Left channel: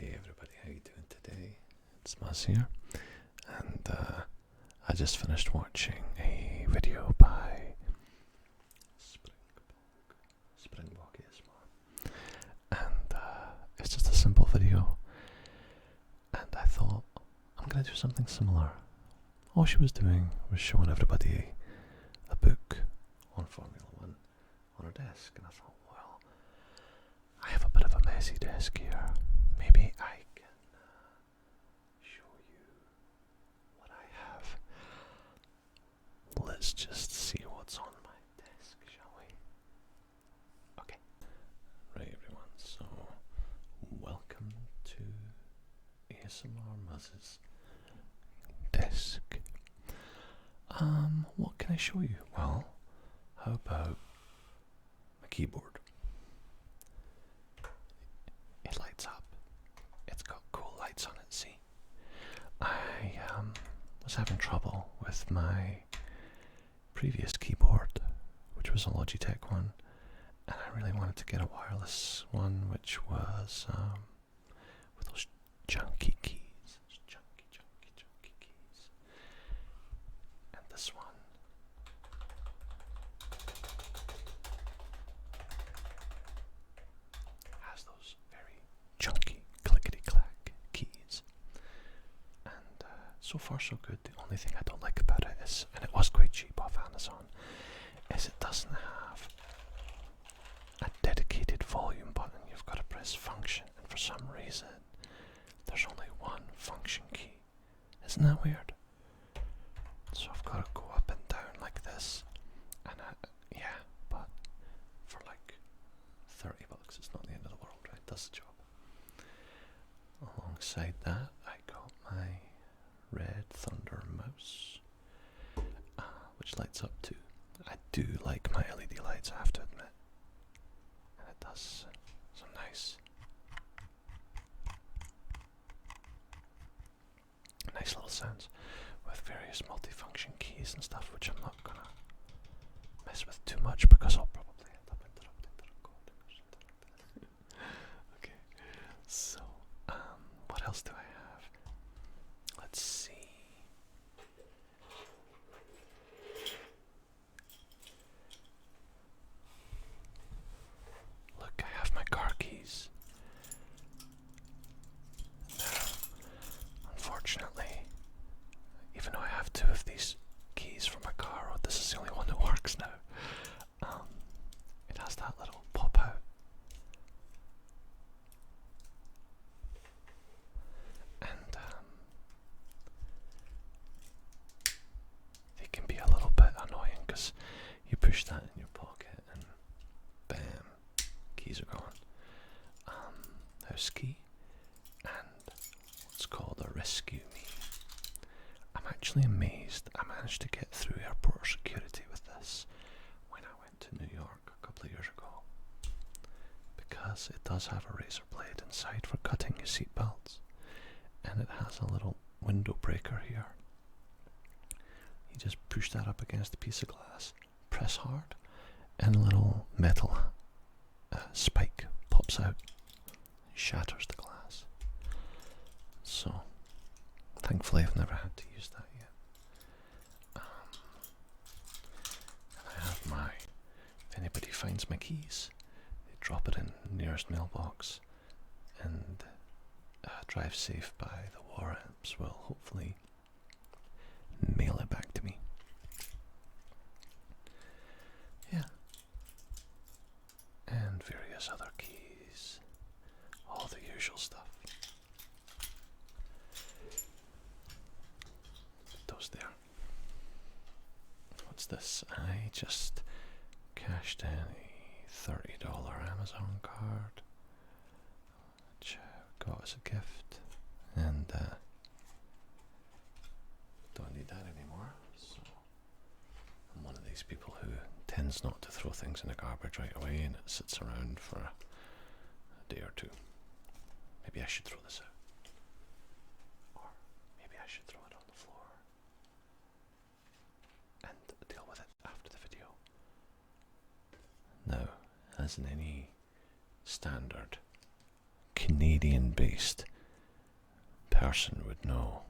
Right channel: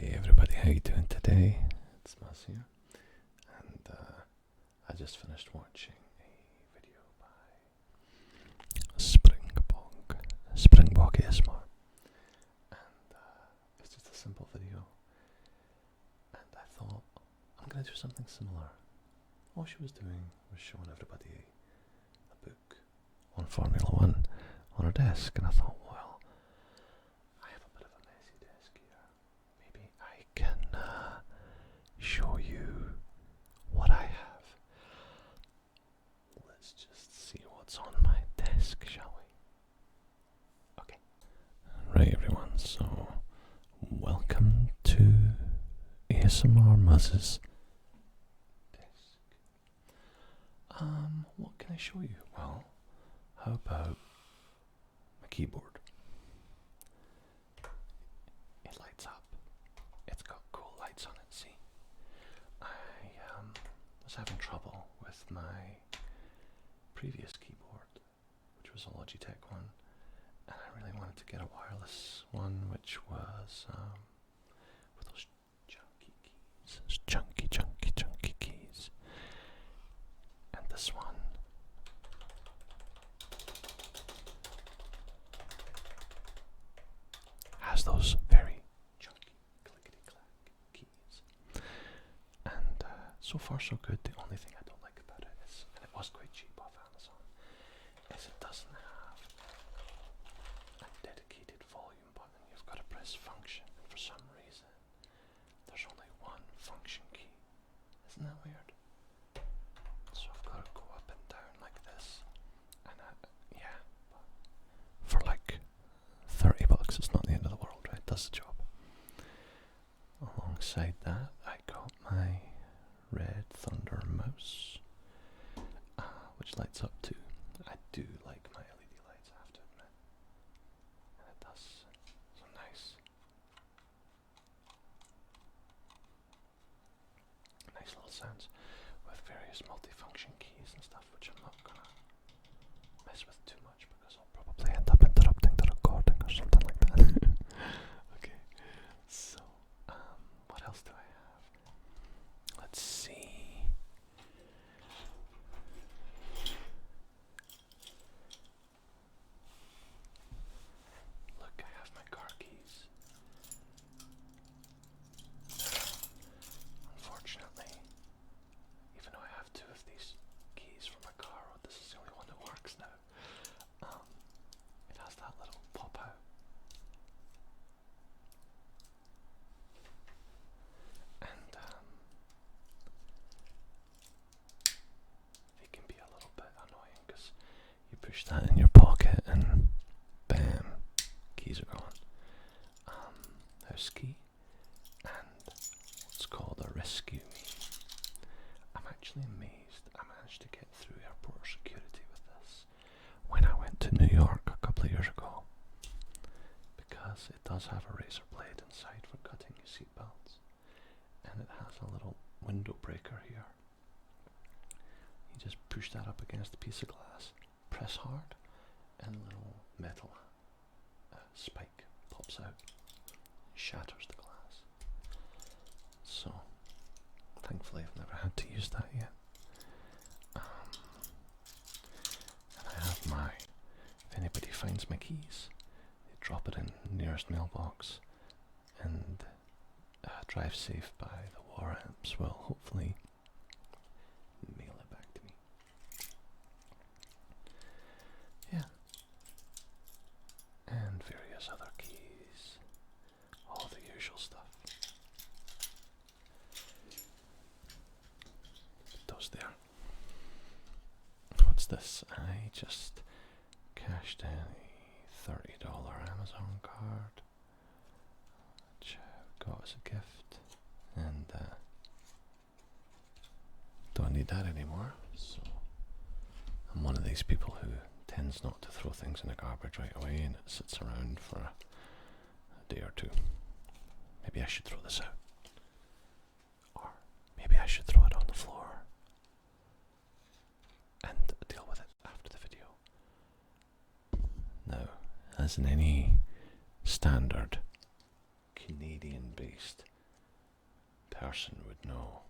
Hey everybody, how you doing today? It's Muzz here, and I just finished watching a video by Springbok ASMR, and it's just a simple video, and I thought I'm gonna do something similar. All she was doing was showing everybody a book on Formula One on her desk, and I thought, well, I have a bit of a messy desk here. Maybe I can show you what I have. Let's just see what's on my desk, shall we? Okay. Right, everyone, so welcome to ASMR Muzz's desk. What can I show you? Well, how about my keyboard? It lights up. It's got cool lights on it, see? I was having trouble with my previous keyboard, which was a Logitech one, and I really wanted to get a wireless one, which was with those chunky keys, those chunky keys. And this one has those very chunky clickety-clack keys. And so far so good. The only thing I don't like about it is, and it was quite cheap off Amazon, is it doesn't have a dedicated volume button. You've got to press function, and for some reason there's only one function key. Isn't that weird? So I've got to go up and down like this, and yeah, but for like $30, it's not the end of the world, right? It does the job. Alongside that, I got my Red Thunder mouse, which lights up too. I do like my LED lights, I have to admit, and it does some nice little sounds with various multifunction keys and stuff, which I'm not gonna mess with too much because I'll probably end up interrupting the recording or something like that. Okay, so what else do I have? Let's see. Look, I have my car keys. Now, unfortunately, even though I have two of these keys for my car, this is the only one that works now. It has that little pop out. And they can be a little bit annoying because you push that in your pocket and bam, keys are gone. House key and what's called a rescue me. I'm actually amazed I managed to get through airport security with this when I went to New York a couple of years ago, because it does have a razor blade inside for cutting your seatbelts, and it has a little window breaker here. You just push that up against a piece of glass, press hard, and a little metal spike pops out, shatters the glass. So thankfully I've never had to use that yet. And I have my, if anybody finds my keys, they drop it in the nearest mailbox, and Drive Safe by the War Amps will hopefully mail it back to me. Yeah. And various other keys. All the usual stuff. Those there. What's this? I just cashed in a $30 Amazon card, which I got as a gift, and don't need that anymore. So I'm one of these people who tends not to throw things in the garbage right away, and it sits around for a day or two. Maybe I should throw this out, or maybe I should throw it on the floor and deal with it after the video. Now, as in any standard Canadian-based person would know,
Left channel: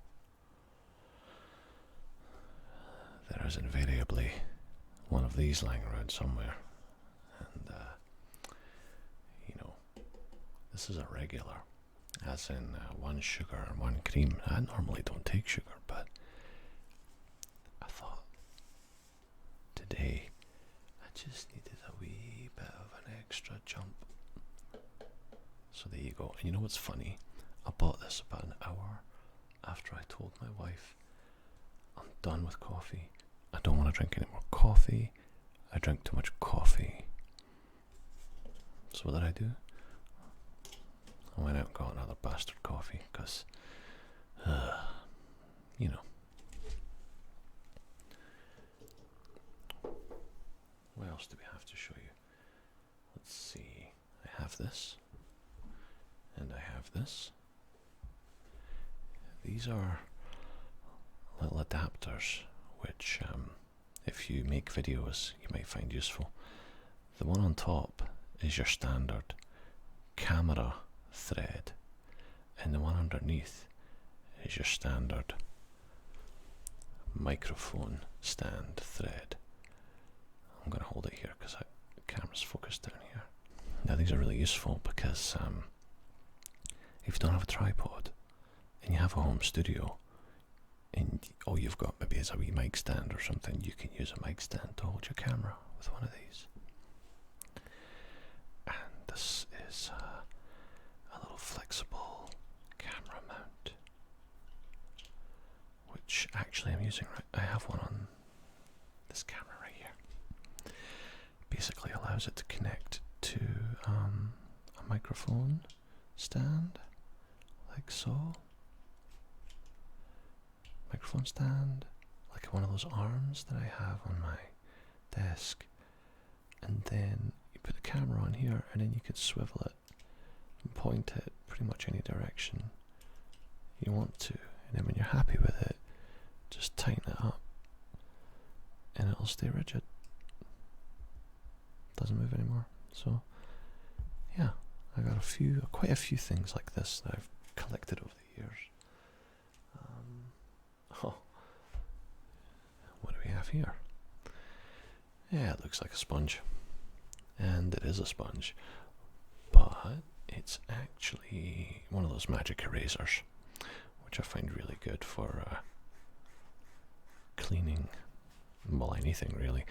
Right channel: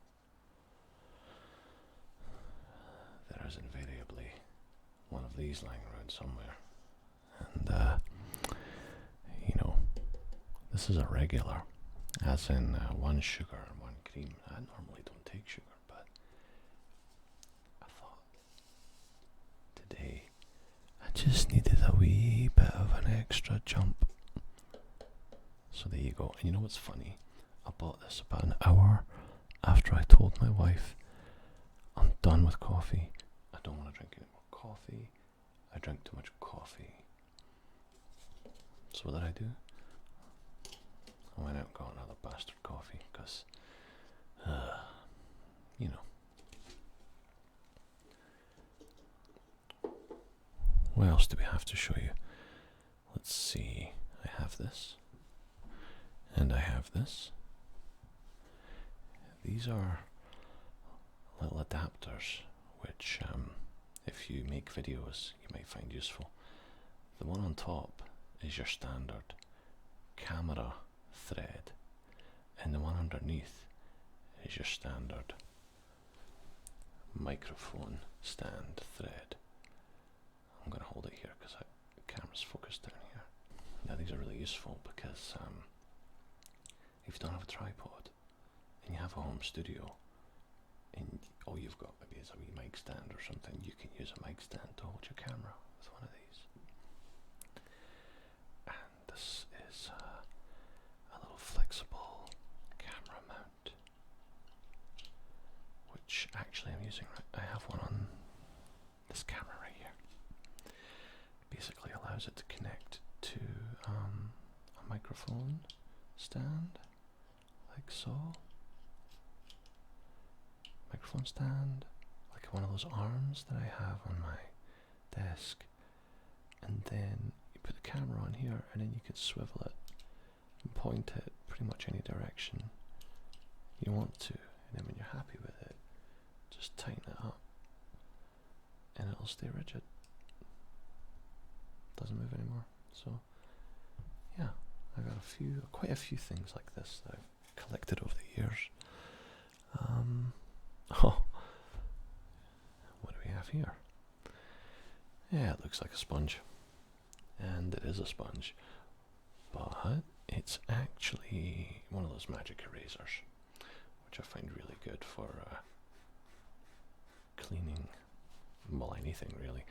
there is invariably one of these lying around somewhere. And, this is a regular, as in 1 sugar and 1 cream. I normally don't take sugar, but I thought today I just needed a wee bit of an extra jump. So there you go. And you know what's funny? I bought this about an hour after I told my wife, I'm done with coffee. I don't want to drink any more coffee. I drink too much coffee. So what did I do? I went out and got another bastard coffee because, What else do we have to show you? Let's see. I have this. And I have this. These are little adapters which, if you make videos, you might find useful. The one on top is your standard camera thread, and the one underneath is your standard microphone stand thread. I'm going to hold it here because the camera's focused down here. Now these are really useful because if you don't have a tripod and you have a home studio and all you've got maybe is a wee mic stand or something, you can use a mic stand to hold your camera with one of these. And this is a little flexible camera mount, which actually I'm using I have one on this camera right here. Basically allows it to connect to a microphone stand, like so. Microphone stand, like one of those arms that I have on my desk, and then you put the camera on here, and then you can swivel it and point it pretty much any direction you want to, and then when you're happy with it, just tighten it up and it'll stay rigid. Doesn't move anymore. So yeah, I got quite a few things like this that I've collected over the years. What do we have here? Yeah, it looks like a sponge, and it is a sponge, but it's actually one of those magic erasers, which I find really good for cleaning, well, anything really,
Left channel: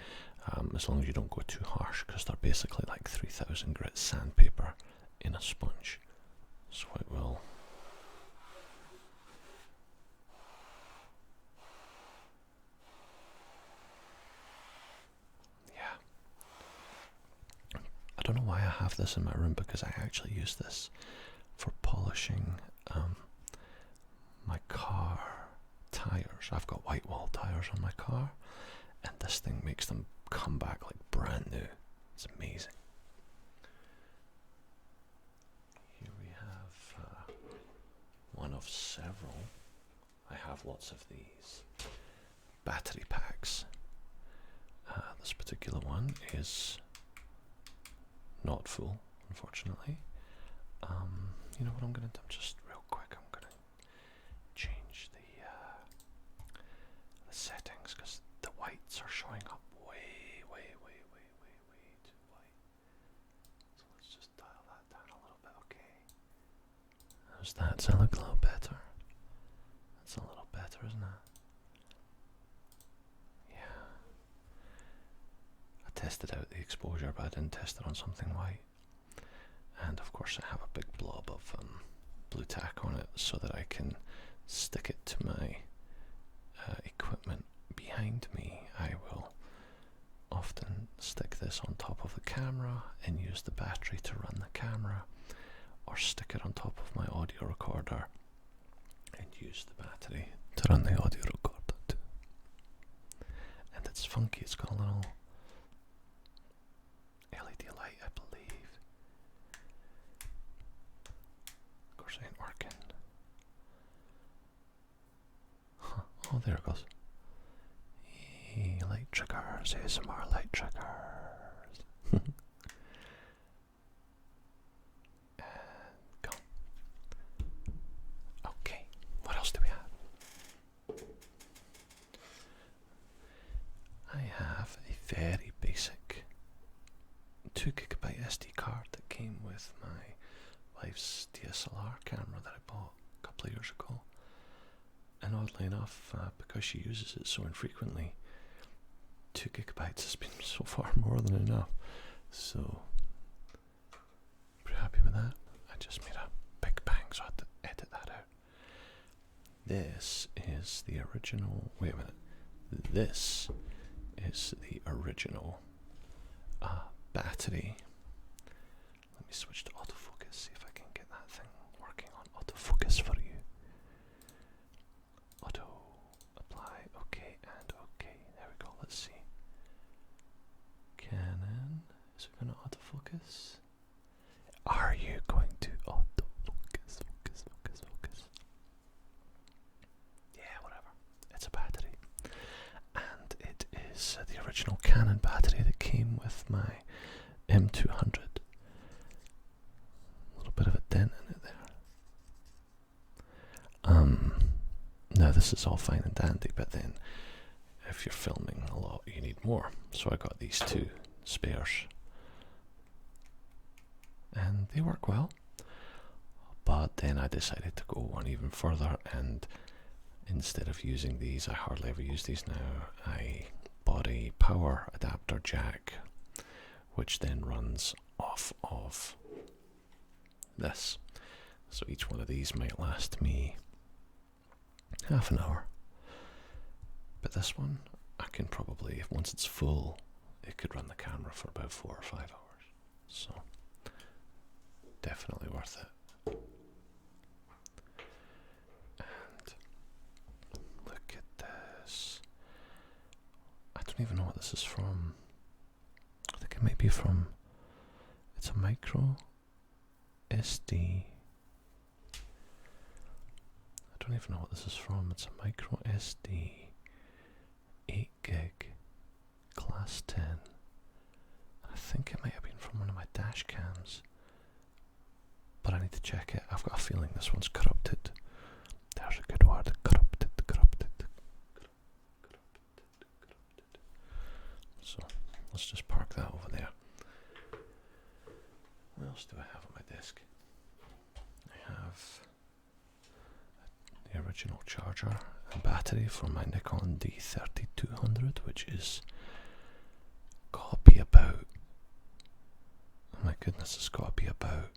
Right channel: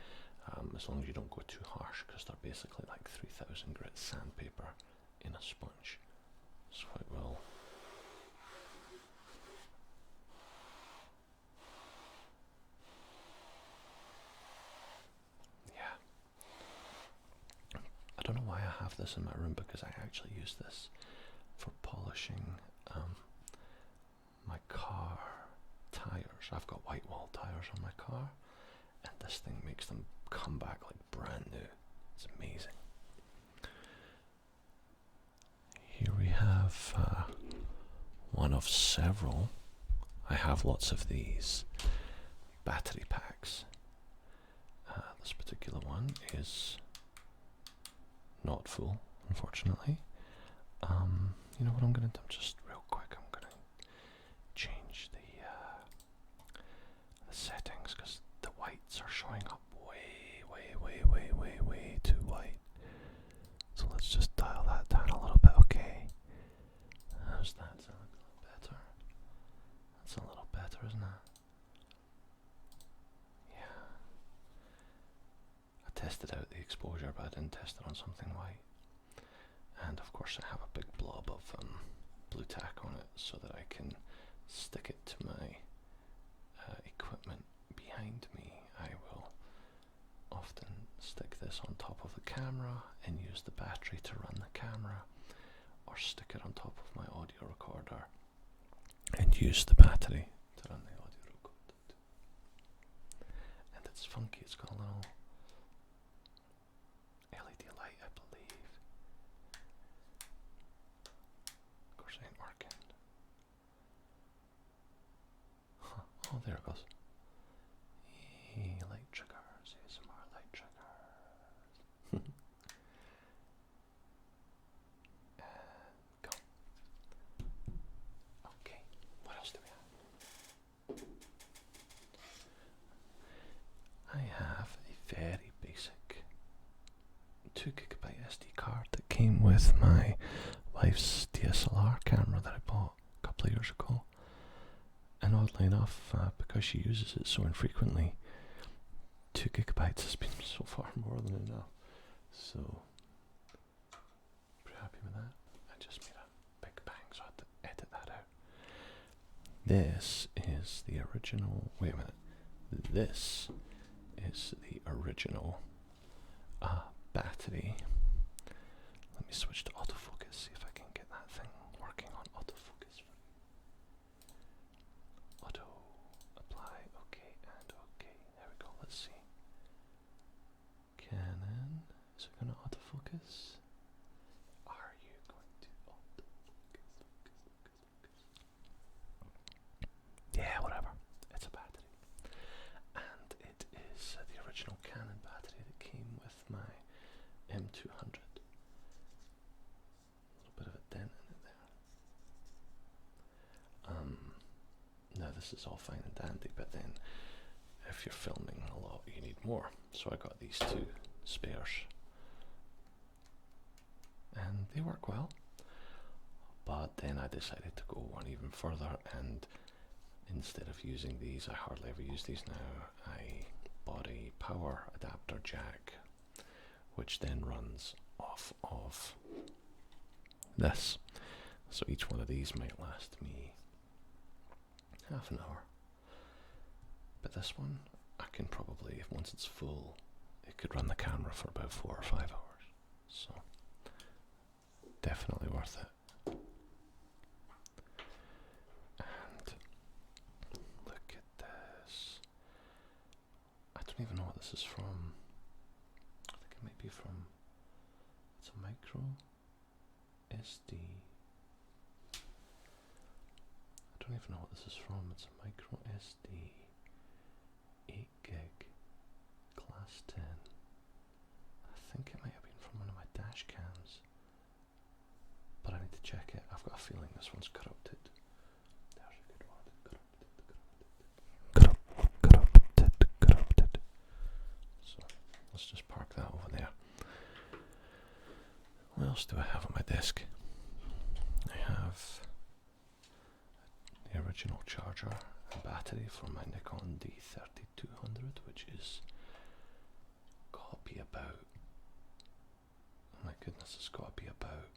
as long as you don't go too harsh, because they're basically like 3000 grit sandpaper in a sponge, so it will I don't know why I have this in my room, because I actually use this for polishing my car tires. I've got white wall tires on my car, and this thing makes them come back like brand new. It's amazing. Here we have one of several. I have lots of these battery packs. This particular one is not full, unfortunately. You know what I'm going to do? Just real quick, I'm going to change the settings, because the whites are showing up way too white. So let's just dial that down a little bit. Okay. How's that? Does that look a little better? That's a little better, isn't it? Yeah. I tested out the exposure, but I didn't test it on something white. And of course I have a big blob of blue tack on it so that I can stick it to my equipment behind me. I will often stick this on top of the camera and use the battery to run the camera, or stick it on top of my audio recorder and use the battery to run the audio recorder too. And it's funky, it's got a little LED light, I believe. Of course it ain't working. Huh. Oh, there it goes. Hey, light triggers, ASMR light triggers. And go. 2 GB SD card that came with my wife's DSLR camera that I bought a couple of years ago. And oddly enough, because she uses it so infrequently, 2 GB has been so far more than enough. So, pretty happy with that. I just made a big bang, so I had to edit that out. This is the original. Wait a minute. This is the original battery. Let me switch to autofocus, see if I can get that thing working on autofocus for you. Auto, apply, okay, and okay. There we go, let's see. Canon, is it going to autofocus? Are you going to autofocus? Focus. Yeah, whatever. It's a battery. And it is the original Canon battery that came with my M200. A little bit of a dent in it there. Now this is all fine and dandy, but then if you're filming a lot, you need more. So I got these 2 spares. And they work well. But then I decided to go one even further, and instead of using these, I hardly ever use these now, I bought a power adapter jack, which then runs off of this. So each one of these might last me half an hour. But this one, I can probably, once it's full, it could run the camera for about 4 or 5 hours. So, definitely worth it. And look at this. I don't even know what this is from. I think it might be from, it's a micro SD. I don't even know what this is from. It's a micro SD 8 gig class 10. I think it might have been from one of my dash cams, but I need to check it. I've got a feeling this one's corrupted. There's a good word. Corrupted. So let's just park that over there. What else do I have on my desk? I have the original charger and battery for my Nikon D3200, which is got to be about, oh my goodness, it's got to be about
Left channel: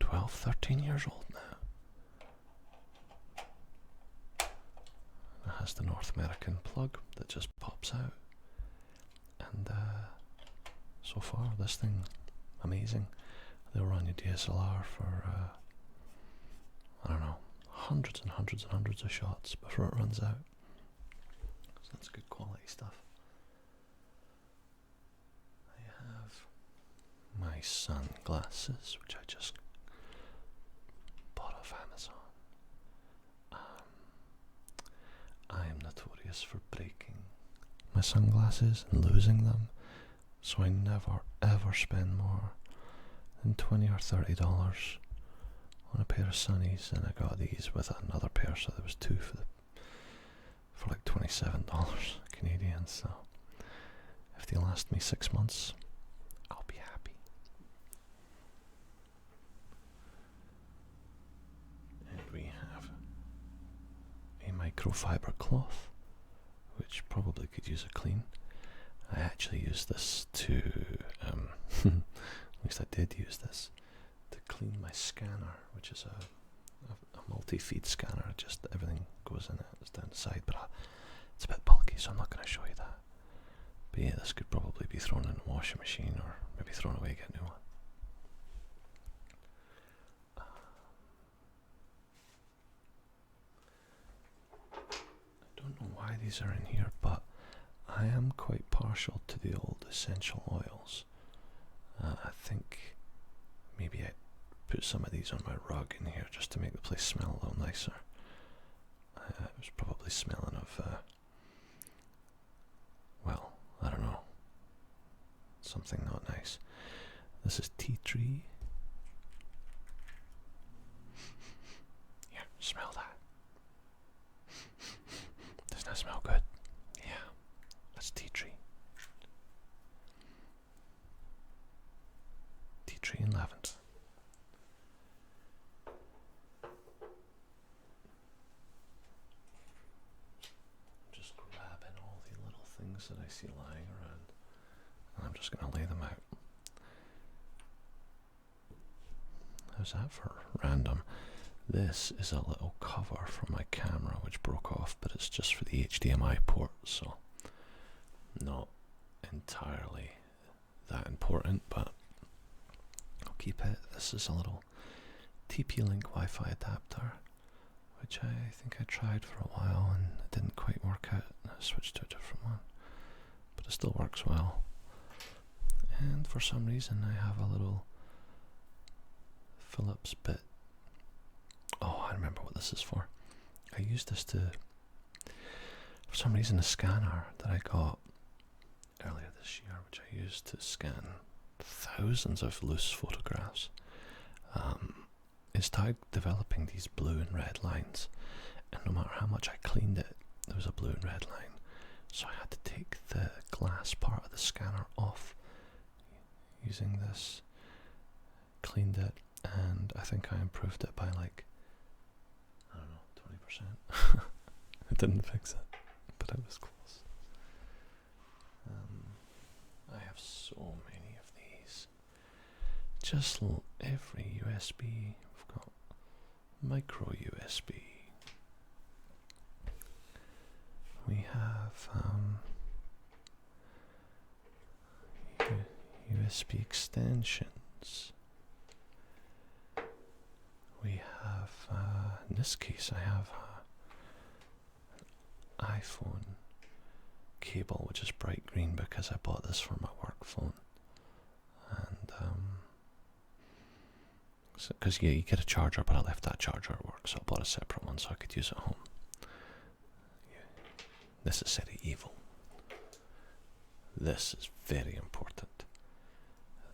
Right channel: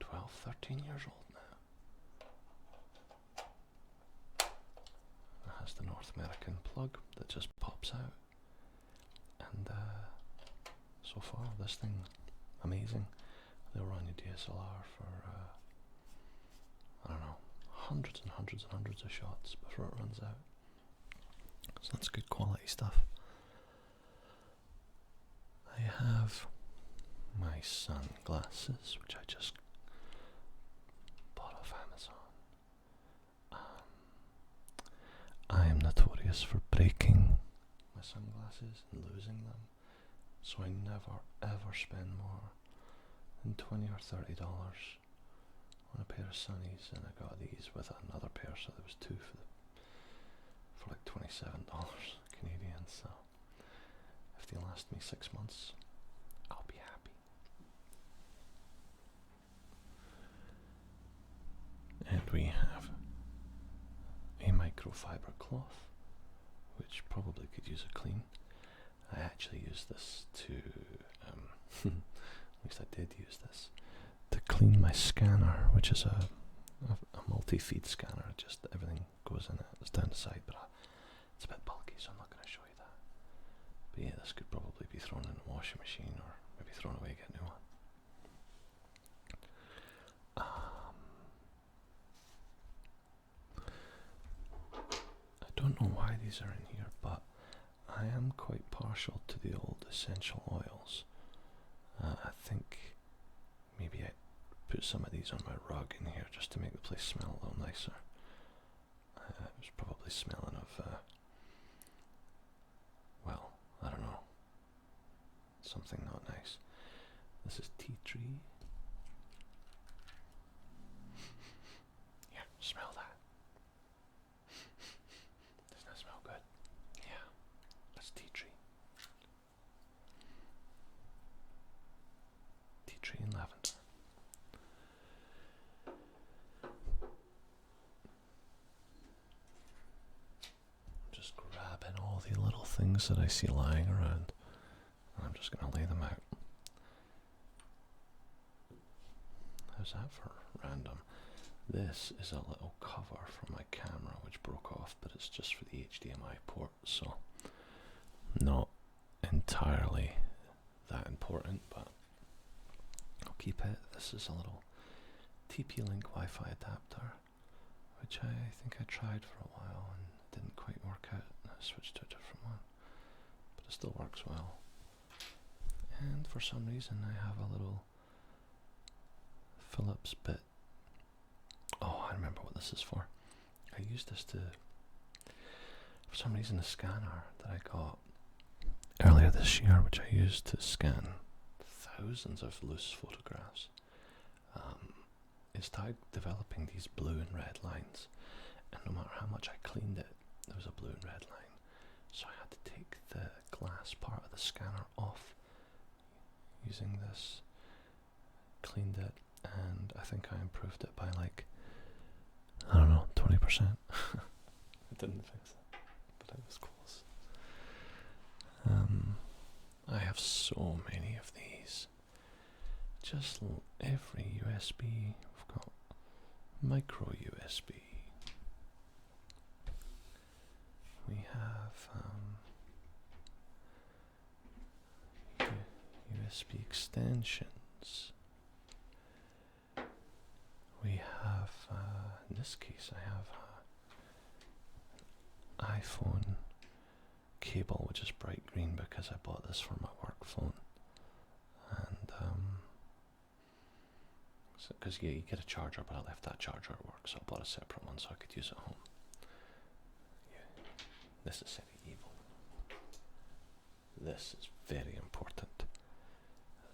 12, 13 years old now. It has the North American plug that just pops out, and so far this thing, amazing. They'll run your DSLR for I don't know, hundreds and hundreds and hundreds of shots before it runs out. So that's good quality stuff. I have my sunglasses, which I just bought off Amazon. I am notorious for breaking my sunglasses and losing them, so I never ever spend more than $20 or $30 on a pair of sunnies, and I got these with another pair, so there was 2 for like $27 Canadian. So if they last me 6 months, I'll be happy. And we have a microfiber cloth, which probably could use a clean. I actually use this to, at least I did use this, to clean my scanner, which is a multi-feed scanner. Just everything goes in it. It's down the side, but it's a bit bulky, so I'm not going to show you that. But yeah, this could probably be thrown in the washing machine, or maybe thrown away, get a new one. I don't know why these are in here, but I am quite partial to the old essential oils. I think maybe I put some of these on my rug in here just to make the place smell a little nicer. It was probably smelling of, well, I don't know, something not nice. This is tea tree. Here, smell that. Doesn't that smell good? Yeah, that's tea tree. things that I see lying around, and I'm just going to lay them out. How's that for random? This is a little cover for my camera which broke off, but it's just for the HDMI port, so not entirely that important, but I'll keep it. This is a little TP-Link Wi-Fi adapter, which I think I tried for a while and it didn't quite work out. I switched to a different one, but it still works well. And for some reason I have a little Phillips bit. Oh, I remember what this is for. I used this to, for some reason, the scanner that I got earlier this year, which I used to scan thousands of loose photographs, it started developing these blue and red lines, and no matter how much I cleaned it, there was a blue and red line. So I had to take the glass part of the scanner off using this, cleaned it, and I think I improved it by like, I don't know, 20%. It didn't fix it, but it was close. I have so many of these. Just every USB. We've got micro USB. We have USB extensions. We have, in this case, I have an iPhone cable, which is bright green because I bought this for my work phone. And, because yeah, you get a charger, but I left that charger at work, so I bought a separate one so I could use it at home. Yeah. Necessary evil. This is very important.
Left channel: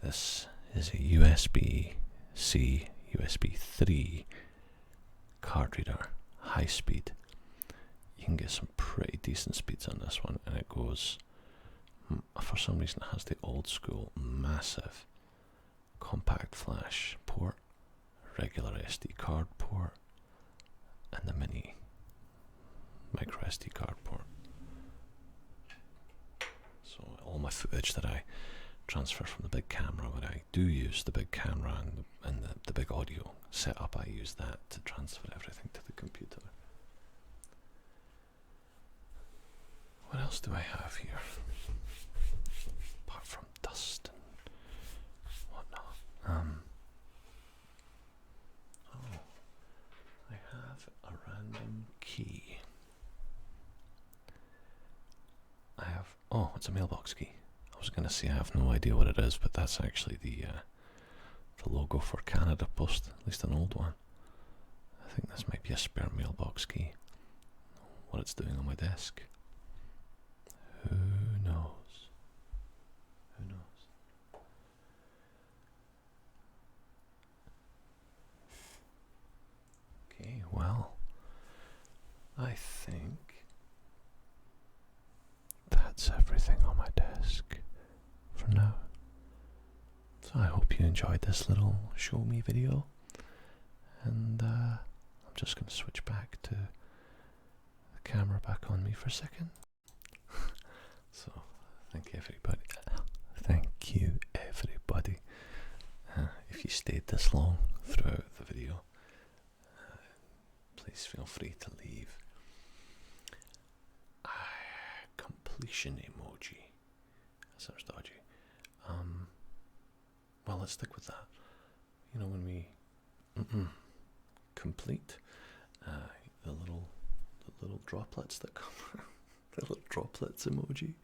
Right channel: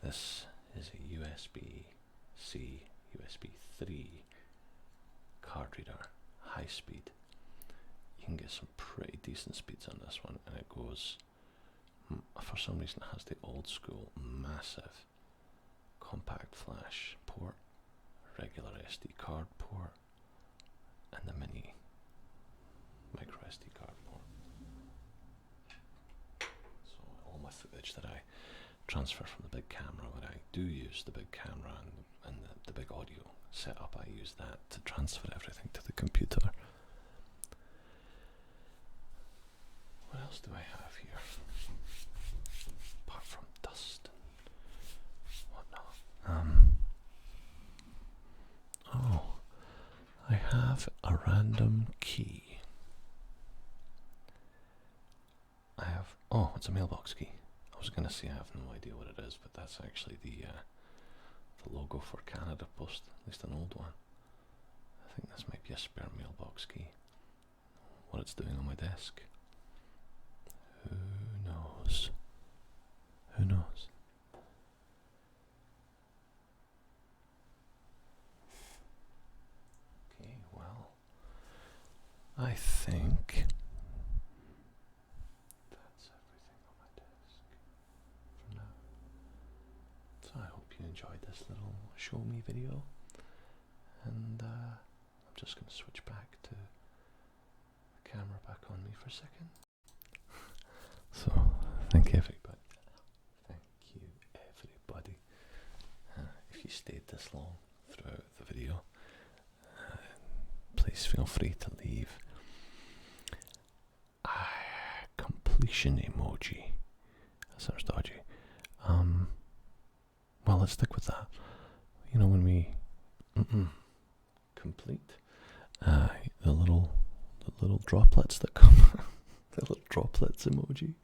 This is a USB-C, USB 3 card reader, high speed. You can get some pretty decent speeds on this one, and it goes, for some reason it has the old school massive compact flash port, regular SD card port, and the mini micro SD card port. So all my footage that I transfer from the big camera, when I do use the big camera and the big audio setup, I use that to transfer everything to the computer. What else do I have here? Apart from dust and whatnot. Oh, I have a random key. I have, oh, it's a mailbox key. I was going to say I have no idea what it is, but that's actually the logo for Canada Post, at least an old one. I think this might be a spare mailbox key. What it's doing on my desk, who knows? Who knows? Okay, well, I think that's everything on my desk for now. So I hope you enjoyed this little show me video, and I'm just going to switch back to the camera back on me for a second. So thank you everybody. Thank you everybody. If you stayed this long throughout the video, please feel free to leave a completion emoji. That sounds dodgy. Well, let's stick with that. You know, when we complete the little droplets that come, the little droplets emoji.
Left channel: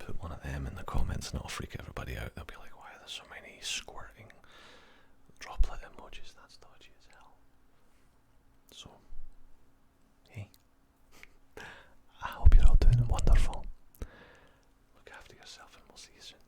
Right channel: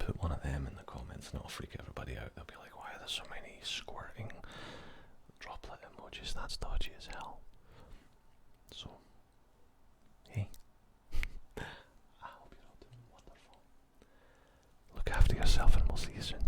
Put one of them in the comments and it'll freak everybody out. They'll be like, why are there so many squirting droplet emojis? That's dodgy as hell. So, hey, I hope you're all doing wonderful. Look after yourself and we'll see you soon.